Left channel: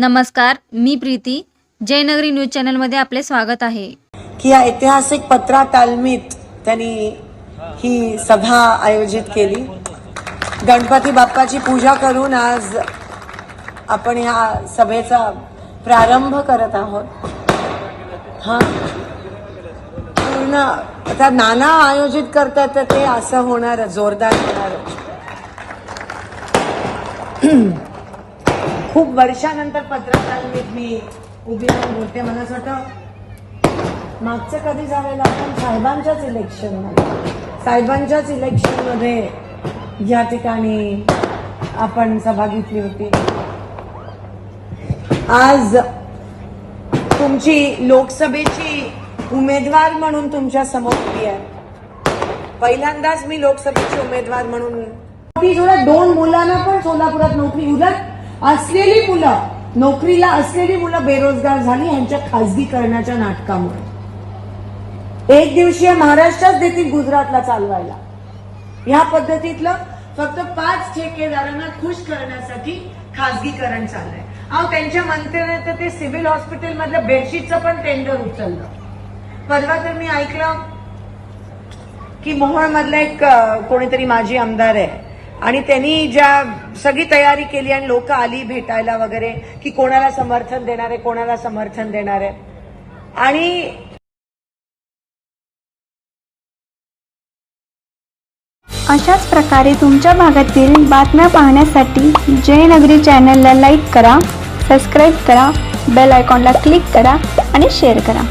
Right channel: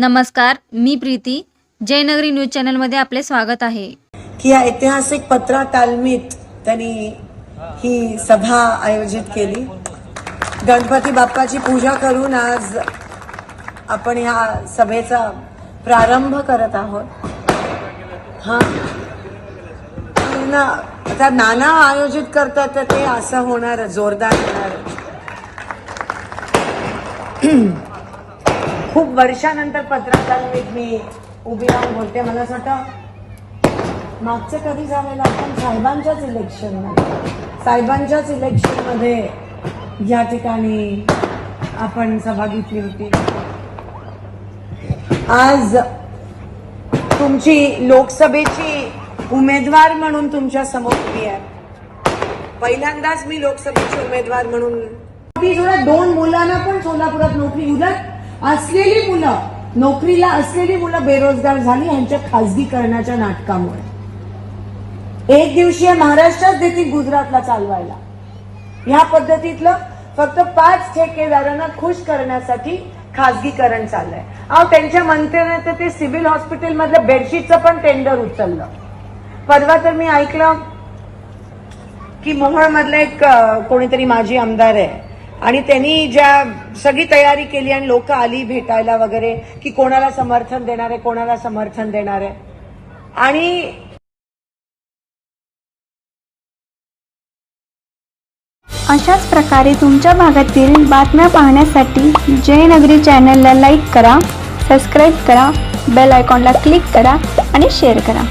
नमस्कार मी प्रीती. जयनगरी न्यूज चॅनलमध्ये आपले स्वागत आहे. की या ऐतिहासिक पत्रा तालमीत त्यांनी ही सभा आयोजित केली. गणपती बाप्पाची पूजा करून आज आपण ह्या सभेचा प्रारंभ करत आहोत. हा. पूर्ण आता नाना आयोजित करतात तर ते असं होणार जोरदार होणार. खूप वर्षानंतर पत्रकार मी उभी राहून बोलते मला असं वाटतं मागचं कधी झालेलं आपण साहेबांच्याच इलेक्शनमध्ये साहेबांच्याच इलेक्शनमध्ये या ठिकाणी आपण सभा घेतली होती. आज तुमची लोकसभेची उमेदवार म्हणून तुमच्यासमोर उभी आहे. पहिल्यांदाच मी लोकसभेची उमेदवार म्हणून दोन मुलांना पण सोलापुरात नोकरी उलट असलेली मुलं नोकरीला असलेली मुलं बेरोजगार झाली यांच्या खासगीकरणाच्या नाटकामुळे. एक दिवशीय महाराष्ट्रात देतील गुजरातला चालवायला. ह्या पद्धतीतलं फक्त पाच ठेकेदारांना खुश करण्यासाठी खासगीकरण चाललंय. अहो त्यांच्या मंत्र्याने तर ते सिव्हिल हॉस्पिटल मधलं बेडशीटचं पण टेंडर उचललं. परवा तर मी ऐकलं की मोहोळ एक कोणीतरी माजी आमदार आहे आणि त्यांनी ज्या सगळी तयारी केली आणि लोक आली भेटायला वगैरे की कोणाला समर्थन देणार आहे कोणाला समर्थन देणार आहे. आणि अशाच प्रकारे तुमच्या भागातील बातम्या पाहण्यासाठी जयनगरी चॅनलला लाईक करा सबस्क्राईब करा बेल आयकॉनला क्लिक करा आणि शेअर करा.